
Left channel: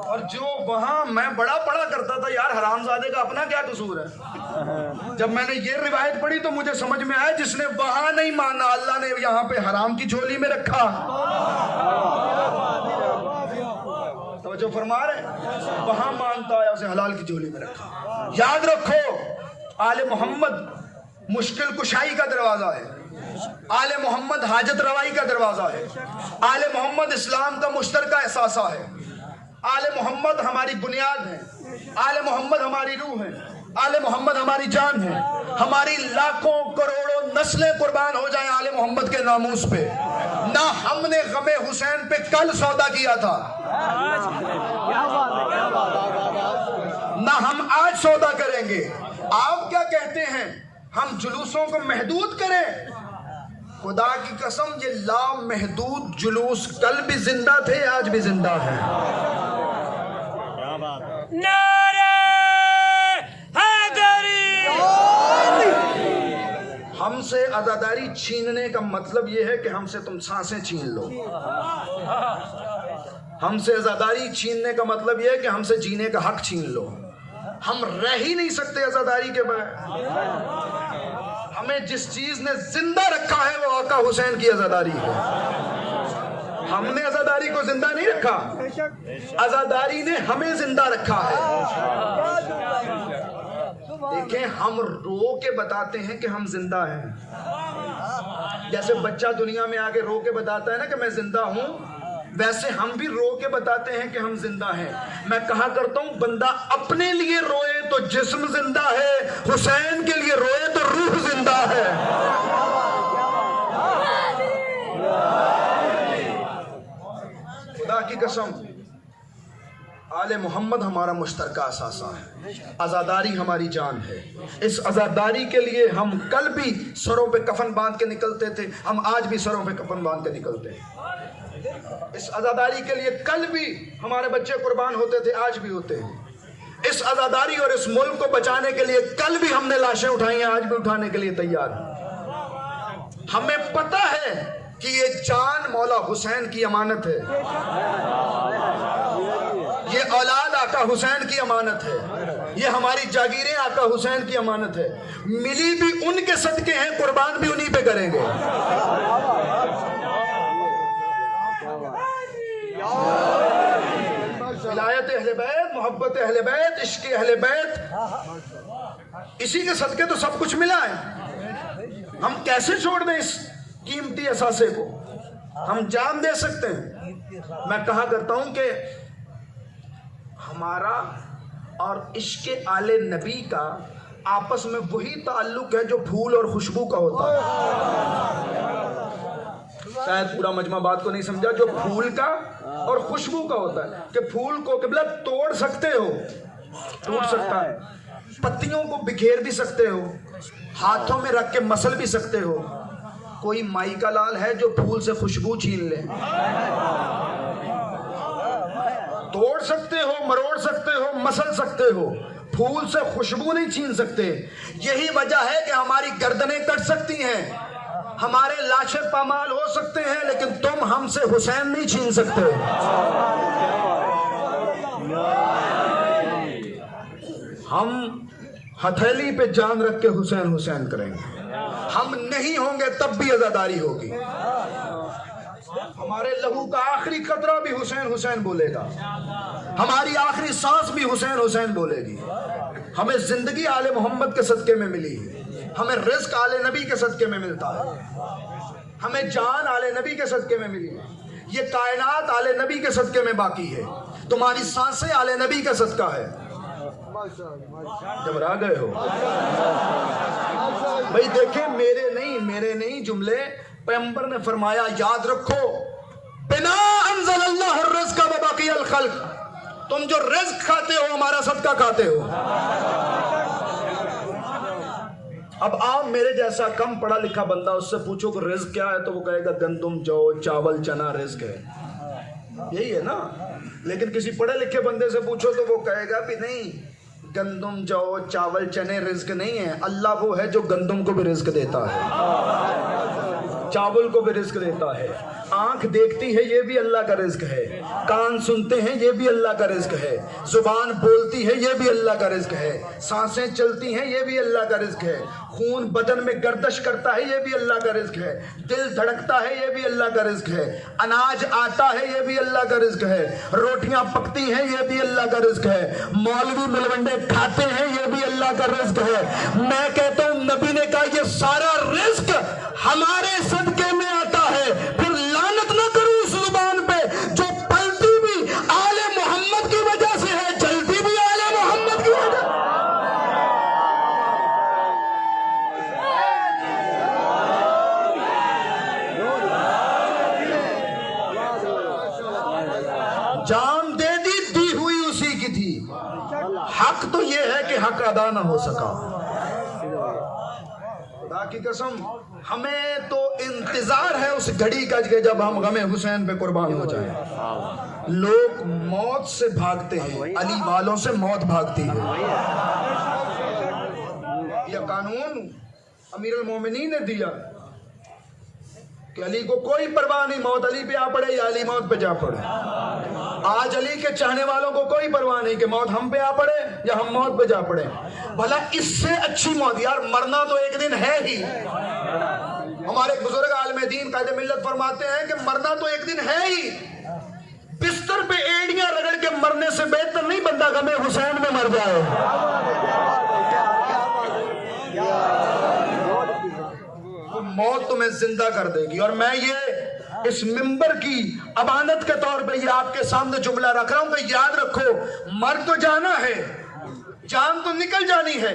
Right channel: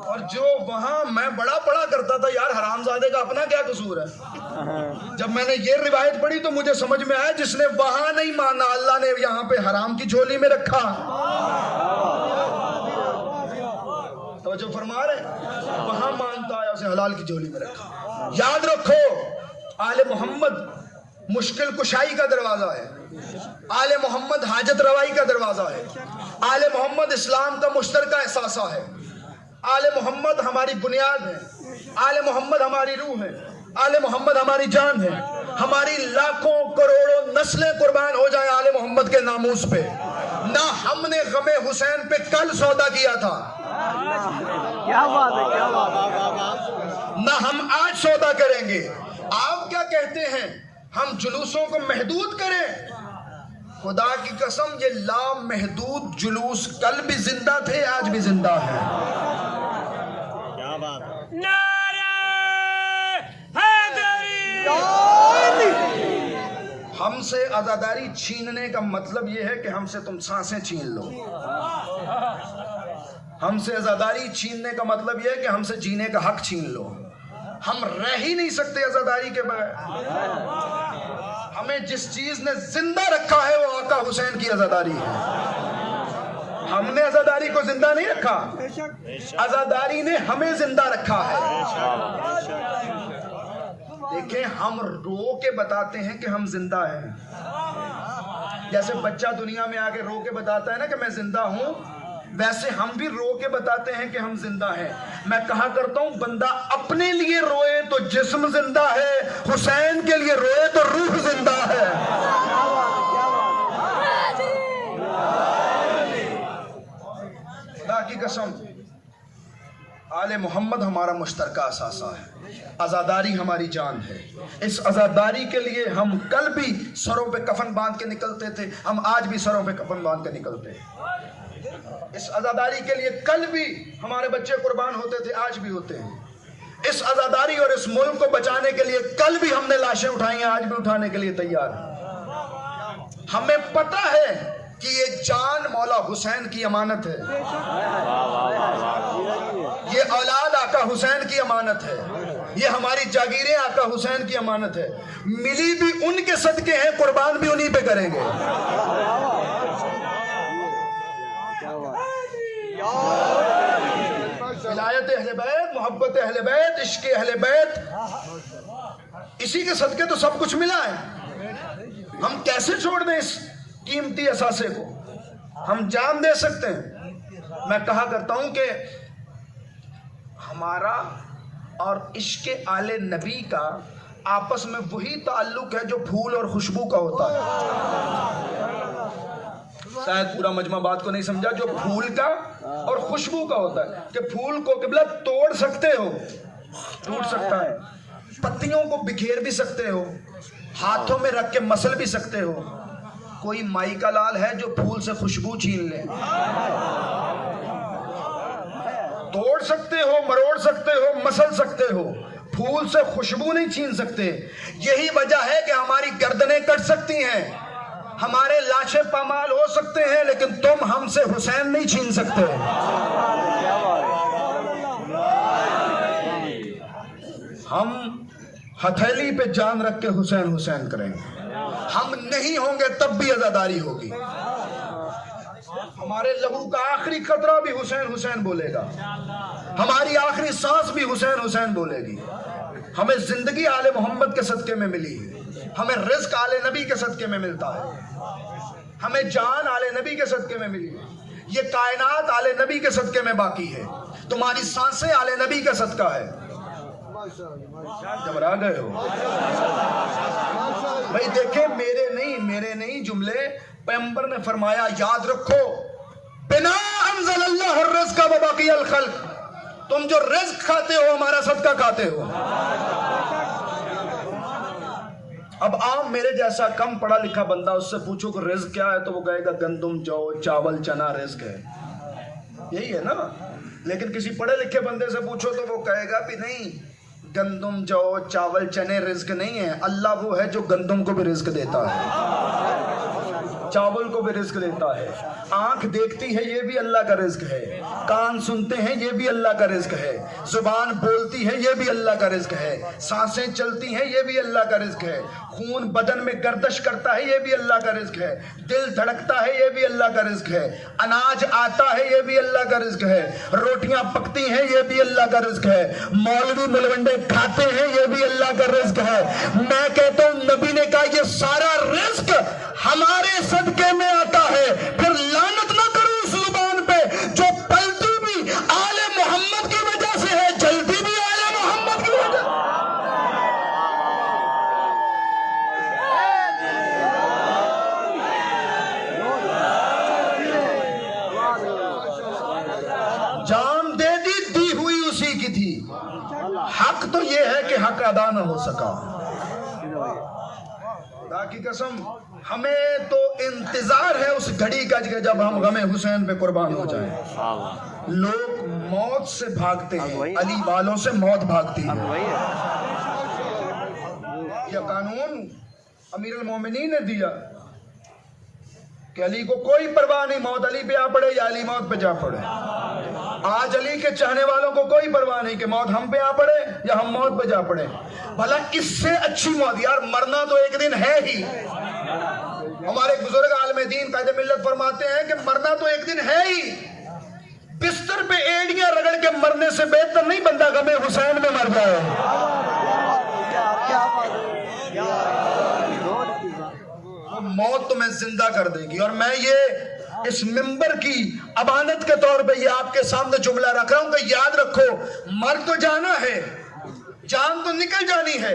اور جو وہاں میں بڑا پڑا کرتا تھا یار حرام زادے کا اپنا کیا قصور ہے، جب میں نے یہ روایت پڑھی تو مجھے سمجھ میں آیا جس نے وہاں نہیں مانا اللہ نے یہاں پہ حرام کی جھولی میں رکھا۔ توجہ فرما رہے ہیں، وہاں مانتا ہے اسے حلال کی جھولی میں رکھا۔ یاد رکھو آل محمد مشکل کشائی کا دروازہ ہے، آل محمد حاجت روائی کا دروازہ ہے، آل محمد اسلام کا مشترکہ احساسہ ہے، آل محمد ہماری بنیاد ہے، آل محمد ہماری روح ہے، آل محمد ہماری جان ہے۔ ہماری لاکھوں کروڑوں نسلیں قربان ہو جائیں آل محمد کے ناموس پہ، نہ ہم نے غم حسین پہ کل سودا کیا تھا، نہ ہم آج سودا کریں گے۔ آپ کیا کہتے ہیں ہم جلوسوں کو محدود کریں؟ خدا کی قسم یہ لامحدود جلوس کل بھی زندہ تھے، آج بھی زندہ ہیں۔ ہم سے عزاداری چھیننے کا مطلب یہ ہے کہ ہم سے تم سانسیں چھین لو۔ ہم سے عزاداری چھیننے کا مطلب یہ ہے کہ ہم سے جینے کا حق چھین لو۔ ہم رہ ہی نہیں سکتے عزاداری کے بغیر۔ ہمیں جس چیز نے زندہ رکھا ہے وہ آقا حسین کی عزاداری ہے۔ ہم نے عزاداری کو زندہ نہیں رکھا، عزاداری نے ہمیں زندہ رکھا ہے۔ دیکھیں ہم رو کے بتاتے ہیں کہ ہم زندہ ہیں، جیسے بچہ دنیا میں آگے رو کے بتاتا ہے نا کہ میں زندہ ہوں، ویسے ہم بھی رو کے بتاتے ہیں کہ ہم زندہ ہیں۔ میں کہا کرتا ہوں بندہ اپنے لیے روئے تو جسم زندہ ہے، حسین کے لیے روئے تو روح زندہ ہے۔ خدا کی قسم آل محمد ہمارا مشترکہ اثاثہ ہے، عزاداری ہماری جان ہے۔ اس عزاداری کے لیے ہم کل بھی سروں پہ کفن باندھ کے نکلتے تھے، ہم آج بھی سروں پہ کفن باندھ کے نکلتے ہیں۔ اس عزاداری کے لیے کل بھی ہمارے بچے قربان ہوتے تھے، آج بھی ہوتے ہیں۔ اس عزاداری اور اس ملک کو بچانے کے لیے کل بھی ہم نے لاشیں اٹھائی ہیں، آج بھی اٹھانے کے لیے تیار ہیں۔ ہمیں پتہ ہے کہ یہ جان مولا حسین کی امانت ہے، یہ اولاد آقا حسین کی امانت ہے، یہ ہماری جاگیریں آقا حسین کی امانت ہے۔ ملی بھی ان کے صدقے ہیں، قربان بھی انہی پہ کریں گے۔ ولایت اہل بیت، محبت اہل بیت، عشق اہل بیت، اسی کے صدقے تو سب کچھ ملا ہے۔ ہم کیسے چھوڑ دیں اس قیمتی اثاثے کو؟ ہم جان دے سکتے ہیں۔ میں کہا کرتا ہوں کہ ہمارا اور عشق آل نبی کا آپس میں وہی تعلق ہے جو پھول اور خوشبو کا ہوتا ہے۔ شاید پورا مجمع بات کو نہیں سمجھا، جو پھول کا اور خوشبو کا ہوتا ہے کہ پھول کو قبلہ توڑ سکتے ہو، ٹوٹ سکتا ہے، پتیوں کو بکھیر بھی سکتے ہو، ہاتھوں میں رکھ کے مسل بھی سکتے ہو۔ کوئی مائی کا لال ہے جو پھول سے خوشبو چھین لے؟ توڑ سکتے ہو، مروڑ سکتے ہو، مسل سکتے ہو، پھول سے خوشبو نہیں چھین سکتے۔ یہی وجہ ہے کہ ہماری گردنیں کٹ سکتی ہیں، ہمارے لاشیں پامال ہو سکتے ہیں، لیکن تم ہم سے حسین نہیں چھین سکتے۔ ہم ہتھیلی پہ جان رکھ کے حسین حسین کریں گے، ہم نہیں ہوں گے تب بھی عزاداری ہوگی۔ ہمارے لہو کا آخری قطرہ بھی حسین حسین بولے گا، ہماری آخری سانس بھی حسین حسین بولے گی۔ ہمیں زندگی آل محمد کے صدقے میں ملی، ہمیں رزق آل نبی کے صدقے میں ملتا ہے، ہمیں جان آل نبی کے صدقے میں ملی، یہ کائنات آل نبی کے صدقے میں باقی ہے، تمہاری سانسیں آل نبی کا صدقہ ہے۔ گھبرا گئے ہو بھائی؟ دیکھیں میرے نہیں جملے پیغمبر نے فرمایا، یاد رکھو، بنا انزل اللہ الرزق و باقی الخلق، تم جو رزق کھاتے ہو ہمارا صدقہ کھاتے ہو۔ اب عام میرے جیسا کم پڑھا لکھا بندہ، اس سے پوچھو کہ رزق کیا ہے تو وہ کہے گا گندم جو چاول چنا رزق ہے، یہی ہے نا۔ لیکن کسی پڑھے لکھے بندے سے پوچھو تو وہ کہے گا بھی نہیں، گندم جو چاول چنے رزق نہیں ہے، اللہ وہ ہے جو گندم کو بھی رزق دیتا ہے، چاول کو بھی رزق دیتا ہے، آنکھ دیکھتی ہے یہ بھی اللہ کا رزق ہے، کان سنتے ہیں یہ بھی اللہ کا رزق ہے، زبان بولتی ہے یہ بھی اللہ کا رزق ہے، سانسیں چلتی ہیں یہ بھی اللہ کا رزق ہے، خون بدن میں گردش کرتا ہے یہ بھی اللہ کا رزق ہے، دل دھڑکتا ہے یہ بھی اللہ کا رزق ہے، اناج آتا ہے یہ بھی اللہ کا رزق ہے، روٹیاں پکتی ہیں یہ بھی اللہ کا رزق ہے، مولوی ملونڈے کھاتے ہیں یہ بھی اللہ کا رزق ہے۔ میں کہتا ہوں نبی نے کہا یہ سارا رزق ہمارے صدقے میں آتا ہے، پھر لعنت نہ کرو اس زبان پہ جو پلتی بھی آل محمد کی وجہ سے ہے، جلتی بھی آل محمد کی وجہ سے۔ جان دے دی ہوئی اسی کی تھی، حق تو یہ ہے کہ حق ادا نہ ہو سکا۔ خدا کی قسم ہمیں تو انتظار ہے اس گھڑی کا کہ جب ہم غم حسین پہ قربان ہو جائیں۔ لوگ موت سے بھاگتے ہیں، علی والوں سے موت بھاگتی ہے۔ یہ قانون امیر المومنین نے دیا کہ علی کو کوئی پرواہ نہیں، موت علی پہ آ پڑے یا علی موت پہ جا پڑے۔ آج علی کے چاہنے والوں کو کوئی پرواہ نہیں کہ موت ہم پہ آ پڑے یا ہم موت پہ جا پڑے۔ بھلا اس سے اچھی موت، یار مرنا تو ایک دن ہے ہی۔ ہمارے بزرگ عالم دین قائد ملت فرماتے ہیں کہ مرنا تو ایک دن ہے ہی، بستر پہ ایڑیاں رگڑ کے مرنے سے بہتر نہیں بندہ غم حسین میں مر جائے۔ موت تمہیں زندہ کر دے گی۔ اور میں یہ اس منبر کی امانت کے طور پہ یہ آپ کے سامنے جملہ رکھ رہا ہوں کہ یاد رکھو، مر تو جانا ہے، جان تو نکل جانی ہے۔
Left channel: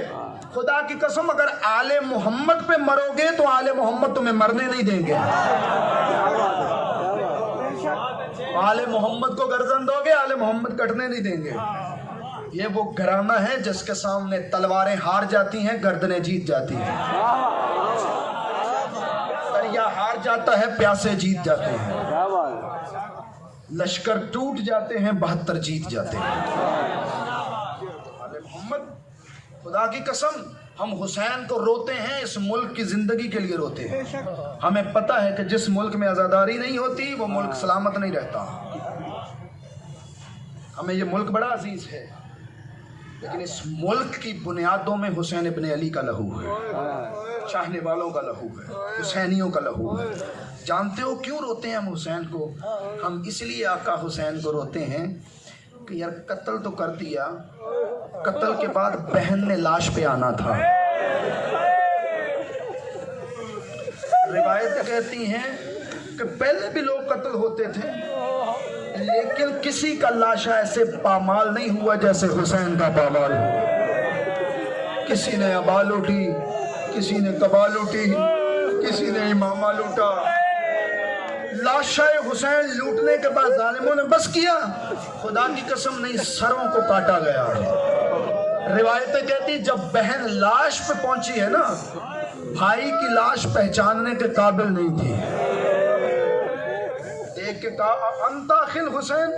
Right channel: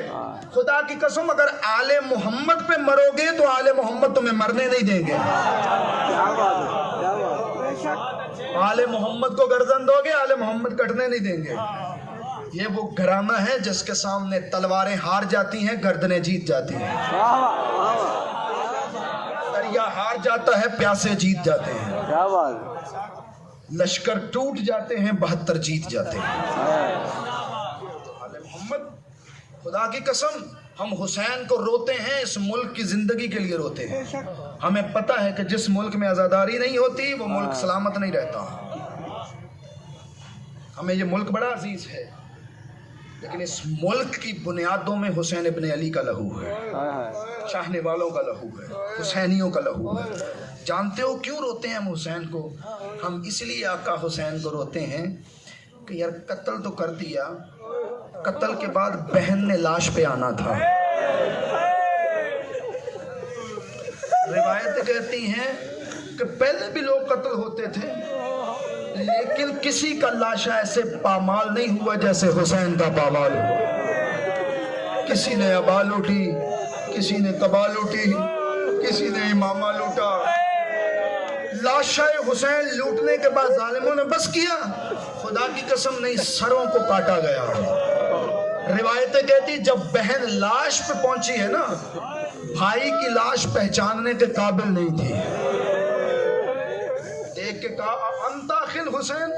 خدا کی قسم اگر آل محمد پہ مرو گے تو آل محمد تمہیں مرنے نہیں دیں گے۔ آل محمد کو گردن دو گے، آل محمد کٹنے نہیں دیں گے۔ یہ وہ گھرانہ ہے جس کے سامنے تلواریں ہار جاتی ہیں، گردنیں جیت جاتی ہیں۔ دریا ہار جاتا ہے، پیاسے جیت جاتے ہیں۔ لشکر ٹوٹ جاتے ہیں، 72 جیت جاتے ہیں۔ آل محمد، خدا کی قسم ہم حسین کو روتے ہیں، اس ملک کی زندگی کے لیے روتے ہیں۔ ہمیں پتہ ہے کہ جس ملک میں عزاداری نہیں ہوتی وہ ملک سلامت نہیں رہتا۔ ہمیں یہ ملک بڑا عزیز ہے، لیکن اس ملک کی بنیادوں میں حسین ابن علی کا لہو ہے، چاہنے والوں کا لہو ہے، حسینیوں کا لہو ہے۔ جانتے ہو کیوں روتے ہیں ہم حسین کو؟ ہم اس لیے آقا حسین کو روتے ہیں کہ یار قتل تو کر دیا، قتل کے بعد بہن نے لاش پہ آنا تھا۔ روایتیں کہتی ہیں کہ پہلے بھی لوگ قتل ہوتے تھے، لیکن کسی کا لاشا ایسے پامال نہیں ہوا جیسے حسین کا پامال ہوا۔ کسی نے ابا لوٹی، کسی نے تبا لوٹی، کسی نے امامہ لوٹا۔ لاشا حسین لوٹنے کے بعد ظالموں نے بس کیا، خدا کی قسم نہیں، سروں کو کاٹا گیا۔ روایتیں کہتی جب بہن لاش پہ پہنچی ہے نا، بھائی کی لاش پہچاننے کے قابل نہیں تھی۔ دیکھ کے کہا انت اخی حسین،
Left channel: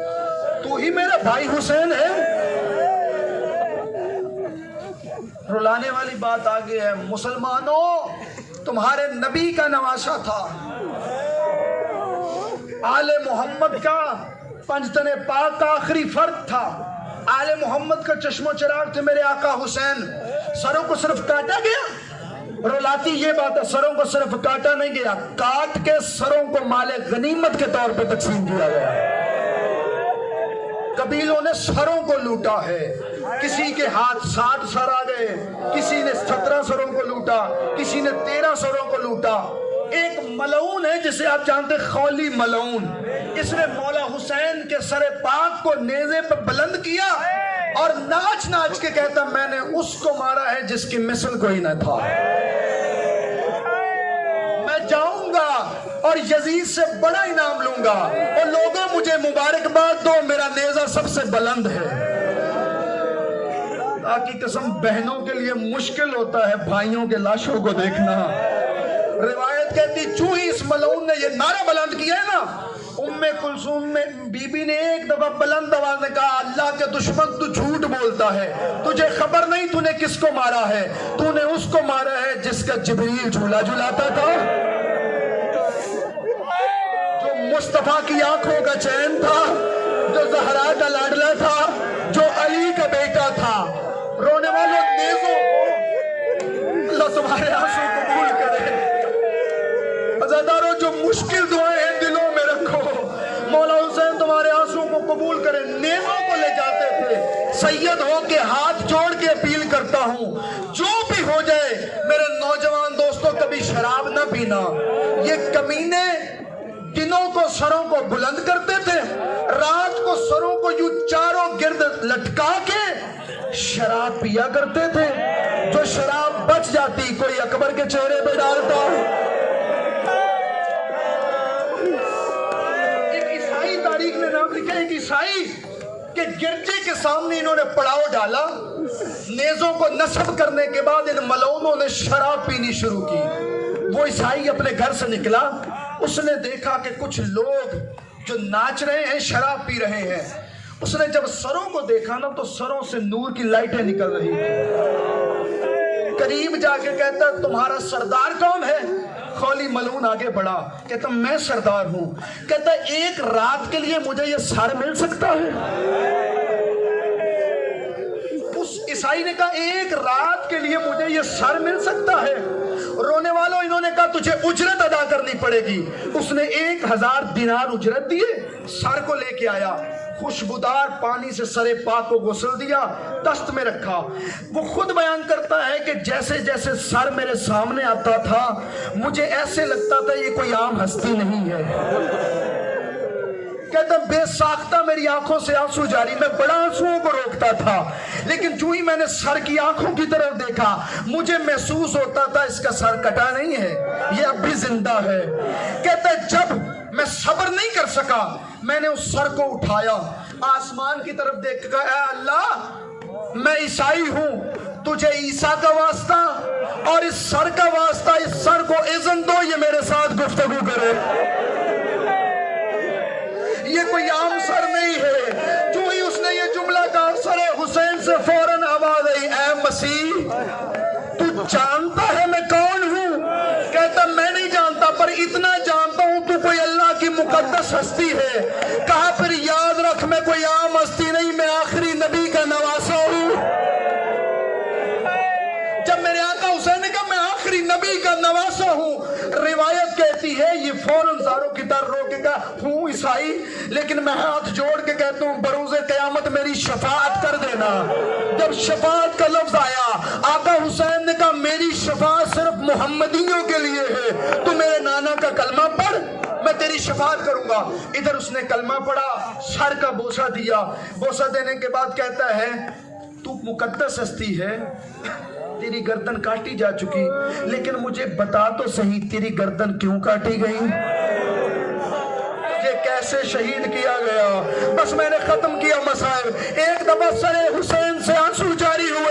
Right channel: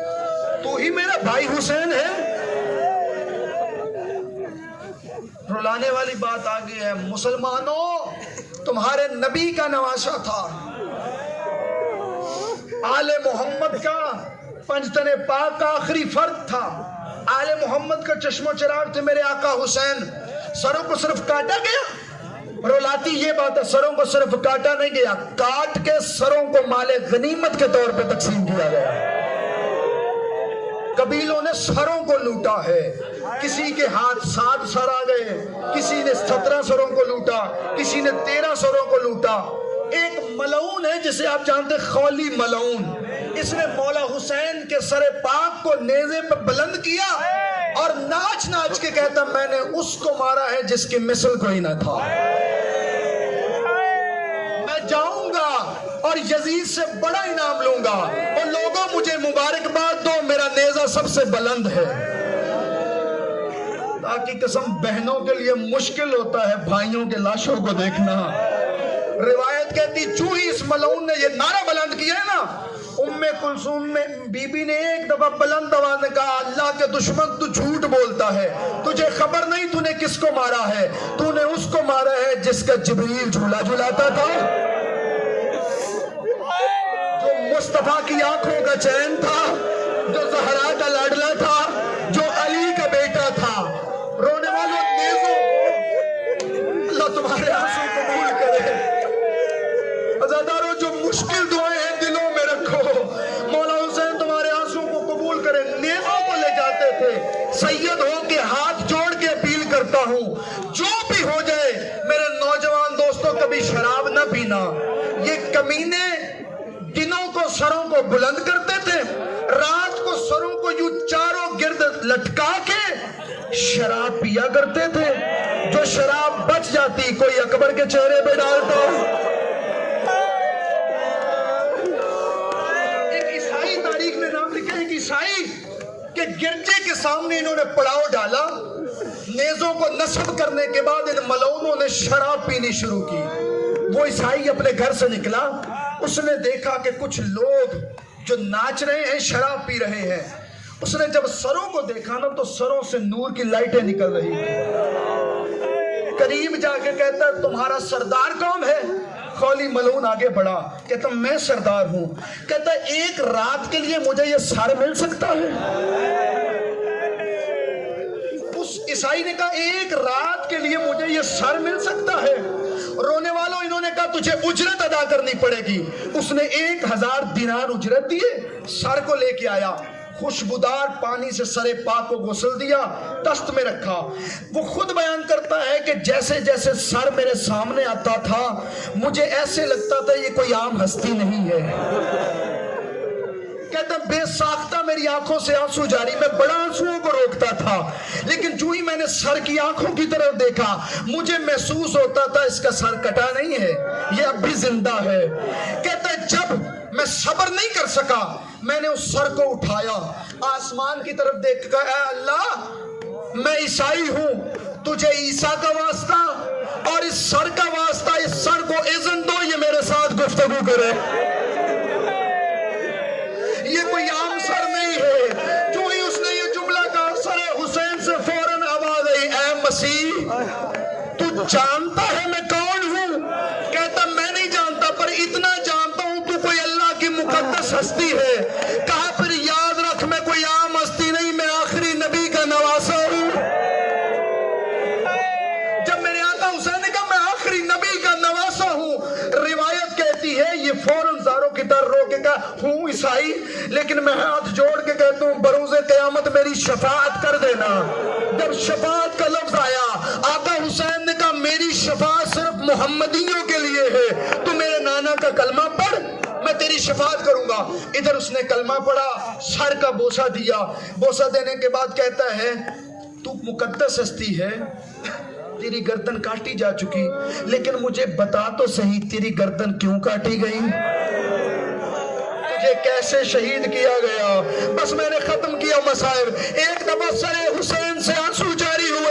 تو ہی میرا بھائی حسین ہے۔ رلانے والی بات آگے ہے، مسلمانوں تمہارے نبی کا نواسا تھا، آل محمد کا پنجتن پاک کا آخری فرد تھا، آل محمد کا چشم و چراغ تھے میرے آقا حسین۔ سروں کو صرف کاٹا گیا، رولاتی یہ بات ہے، سروں کو صرف کاٹا نہیں گیا، کاٹ کے سروں کو مال غنیمت کے طور پہ تقسیم کیا گیا۔ قبیلوں نے سروں کو لوٹا ہے، کسی کے ہاتھ 60 سر آ گئے، کسی نے 17 سروں کو لوٹا، کسی نے 13 سروں کو لوٹا۔ ایک ملعون ہے جسے آپ جانتے خولی ملعون، اس نے مولا حسین کے سر پاک کو نیزے پر بلند کیا اور ناچ ناچ کے کہتا میں نے اس کو مارا ہے جس کی مثل کوئی نہ تھا۔ میں جاؤں گا اور یزید سے بڑا انعام لوں گا اور لوگوں مجھے مبارکباد دو، میرا نیزہ سب سے بلند ہے۔ کی قسم بہنوں کے لیے مشکل ہوتا ہے بھائیوں کے لاشوں کو دیکھنا۔ روایت کہتی چوں ہی اس ملعون نے یہ نعرہ بلند کیا ہے نا، ام کلثوم میں بی بی نے ایک دفعہ بلند آواز میں کہا اللہ کے دشمن تو جھوٹ بولتا ہے، تجھے خبر نہیں تو نے کس کو مارا ہے، تو نے اس کو مارا ہے جس کا جبریل جھولا جھلاتا تھا، جو مصطفیٰ کی آنکھوں کا چین تھا، جو زہرا کا لاڈلا تھا، جو علی کا بیٹا تھا۔ رونے والوں نیزوں کو اللہ تمہارے آنسو قبول کرے، عزاداروں جو مشکل دعائیں ہیں دلوں میں رکھو، مولا حسین تمہارے آنسو کو قبول کرے۔ نیزوں کو لے جاتے تھے، سید ہو کے ہاتھ جوڑ کے اپیل کرتا ہوں جو بھی ہو جائے میرے نوجوان دوستوں کبھی شراب نہ پینا۔ یہ کمینے دنوں کو سروں کو بلند کرتے تھے، رات کو سروں کو یوں چاروں گرد لٹکا کے شراب پیا کرتے تھے، جو شراب بچ جاتی کوئی اکبر کے چہرے پہ ڈالتا۔ ایک عیسائی تاریخ نے نام لکھا ہے، ایک عیسائی کہ گرجے کے سامنے انہوں نے پڑاؤ ڈالا، نیزوں کو نصب کرنے کے بعد ان ملعونوں نے شراب پینی شروع کی۔ وہ عیسائی اپنے گھر سے نکلا، اس نے دیکھا کہ کچھ لوگ جو ناچ رہے ہیں شراب پی رہے ہیں۔ اس نے جب سروں کو دیکھا نا تو سروں سے نور کی لائٹیں نکل رہی تھی۔ قریب جا کے کہتا ہے تمہارا سردار کون ہے؟ خولی ملعون آگے بڑھا، کہتا میں سردار ہوں۔ کہتا ایک رات کے لیے مجھے یہ سر مل سکتا ہے؟ اس عیسائی نے کہا ایک رات کے لیے مجھے یہ سر مل سکتا ہے؟ رونے والوں انہوں نے کہا تجھے اجرت ادا کرنی پڑے گی۔ اس نے 1000 دینار اجرت دیے، سر کو لے کے آیا، خوشبودار پانی سے سر پاک کو غسل دیا، دست میں رکھا۔ وہ خود بیان کرتا ہے کہ جیسے جیسے سر میرے سامنے آتا تھا مجھے ایسے لگتا تھا یہ کوئی عام ہستی نہیں ہے۔ کہتا بے ساختہ میری آنکھوں سے آنسو جاری، میں بڑا آنسوؤں کو روکتا تھا، لیکن جو ہی میں نے سر کی آنکھوں کی طرف دیکھا مجھے محسوس ہوتا تھا اس کا سر کٹا نہیں ہے، یہ اب بھی زندہ ہے۔ کہتا جب میں صبر نہیں کر سکا میں نے اس سر کو اٹھایا، آسمان کی طرف دیکھ کر اے اللہ میں عیسائی ہوں، تجھے عیسیٰ کا واسطہ اور اس سر کا واسطہ، اس سر کو اذن دو یہ میرے ساتھ گفتگو کرے۔ یہ کوئی عام سر نہیں ہے۔ جو ہی اس نے یہ جملہ کہا سر حسین سے فوراً آواز آئی اے مسیح تو جانتا ہے میں کون ہوں؟ کہتا میں نہیں جانتا پر اتنا جانتا ہوں تو کوئی اللہ کی مقدس ہستی ہے۔ کہا پھر یاد رکھ میں کوئی عام ہستی نہیں، میں آخری نبی کا نواسا ہوں۔ جب میرے آقا حسین نے کہا میں آخری نبی کا نواسا ہوں، روایت کہتی ہے یہ فوراً زاروں کی طرح رو کے کہا ہوں عیسائی، لیکن میں ہاتھ جوڑ کے کہتا ہوں بروز قیامت میری شفاعت کر دینا۔ جب شفاعت کا لفظ آیا آقا حسین نے کہا میری شفاعت صرف محمدیوں کے لیے ہے، تو میرے نانا کا کلمہ پڑھ میں تیری شفاعت کروں گا۔ ادھر اس نے کلمہ پڑھا، سر کا بوسہ دیا، بوسہ دینے کے بعد کہتا ہے تو مقدس ہستی ہے، تیری گردن کاٹی جا چکی، لیکن مجھے بتا تو صحیح تیری گردن کیوں کاٹی گئی، تجھے کیسے شہید کیا گیا؟ بس میں نے ختم کیا مسائل۔ ایک دفعہ سر حسین سے آنسو جاری ہوئے۔